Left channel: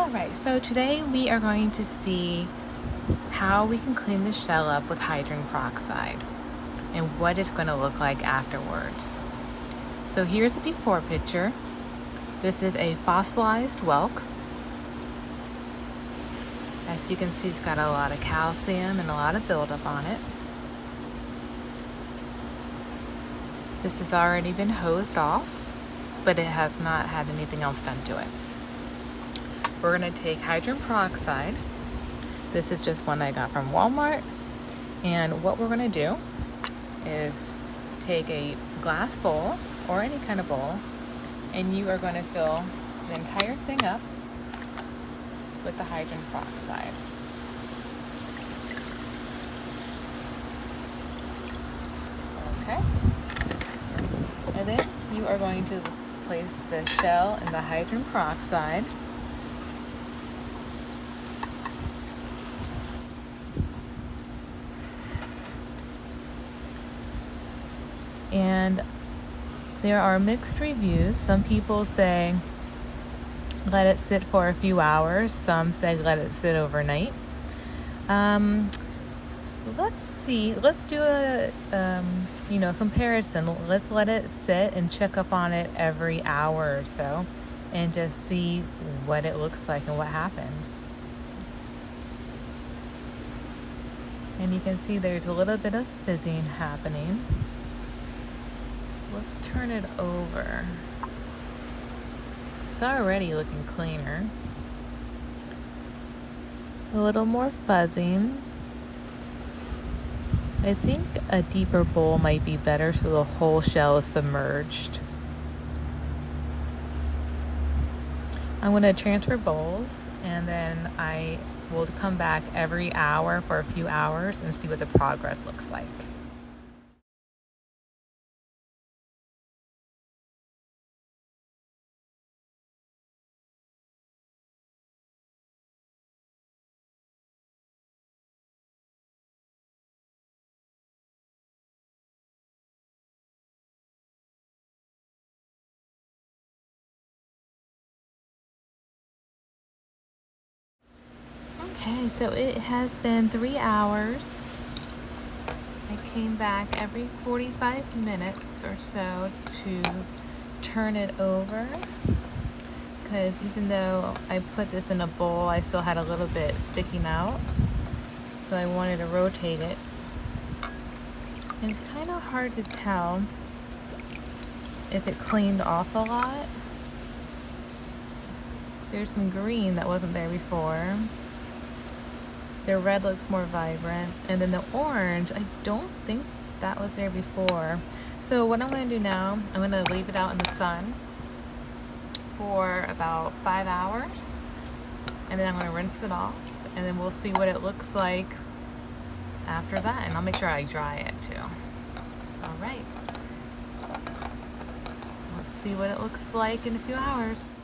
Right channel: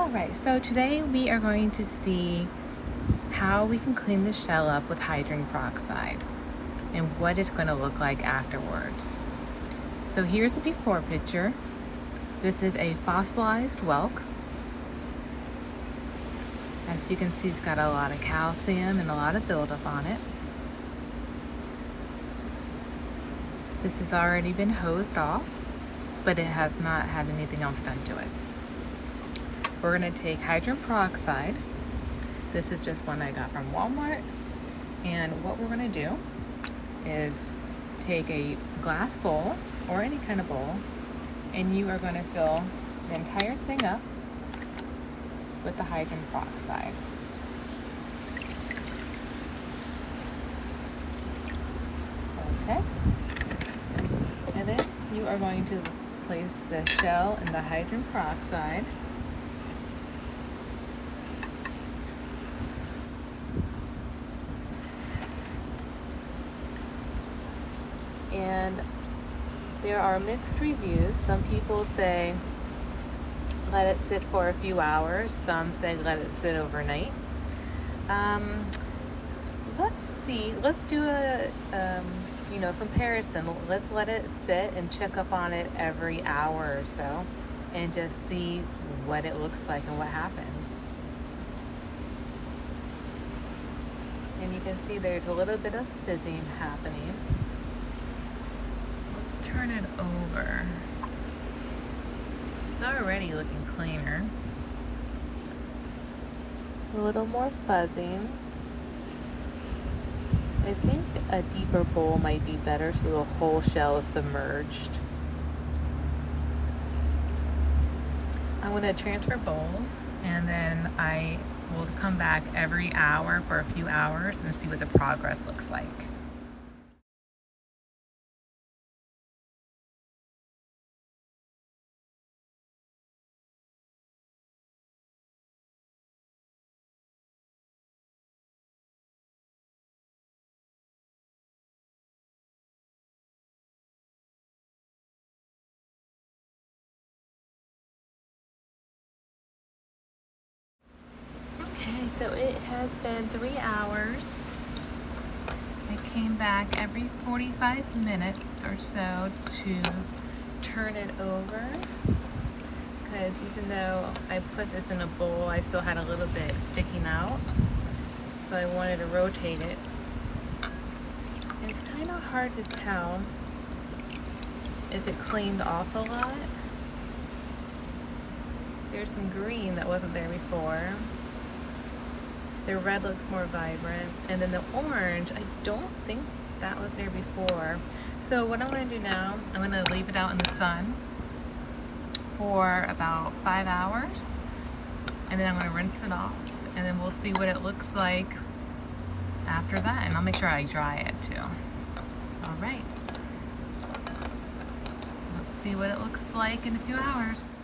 Alright, so today we are going to see how we can clean the shell up with hydrogen peroxide and what it's going to look like afterwards. So here's the before picture. This is a fossilized whelk. As you can see, it's got a lot of calcium and a lot of buildup on it. This has already been hosed off, but it has not had anything else done to it. We're going to take hydrogen peroxide. This is just one I got from Walmart. And what we're going to do is take a glass bowl or any kind of bowl, and you are going to fill the entire thing up with the hydrogen peroxide. Okay. And then you are going to place the shell in the hydrogen peroxide. And there are mixed reviews. Some people say let it sit for a few hours. Some say let it sit overnight. Let's see. Let's do a comparison. Let's let it sit and check up on it every hour or so, and just see what it looks like and what happens. And you can see there's a little bit of fizzing happening. Let's turn it over. It's already looking cleaner. A little more fuzzing. I think a deeper bowl might be better so the whole shell is submerged. I'm going to transfer bowls, and then I will come back every hour for a few hours and see what the progress looks like. Okay, so it has been 3 hours. I came back every 45 minutes or so to turn it over, because even though I put this in a bowl, I still had a little bit sticking out, so I wanted to rotate it. And it's kind of hard to tell if it cleaned off a lot. There's some green that wasn't there before. The red looks more vibrant, and then the orange, I don't think that was there before. So what I'm going to do now, I'm going to leave it out in the sun for about 5 hours, and then I'm going to rinse it off, and then we'll see what it looks like after that, and I'll make sure I dry it too. Alright, let's see what it looks like in a few hours.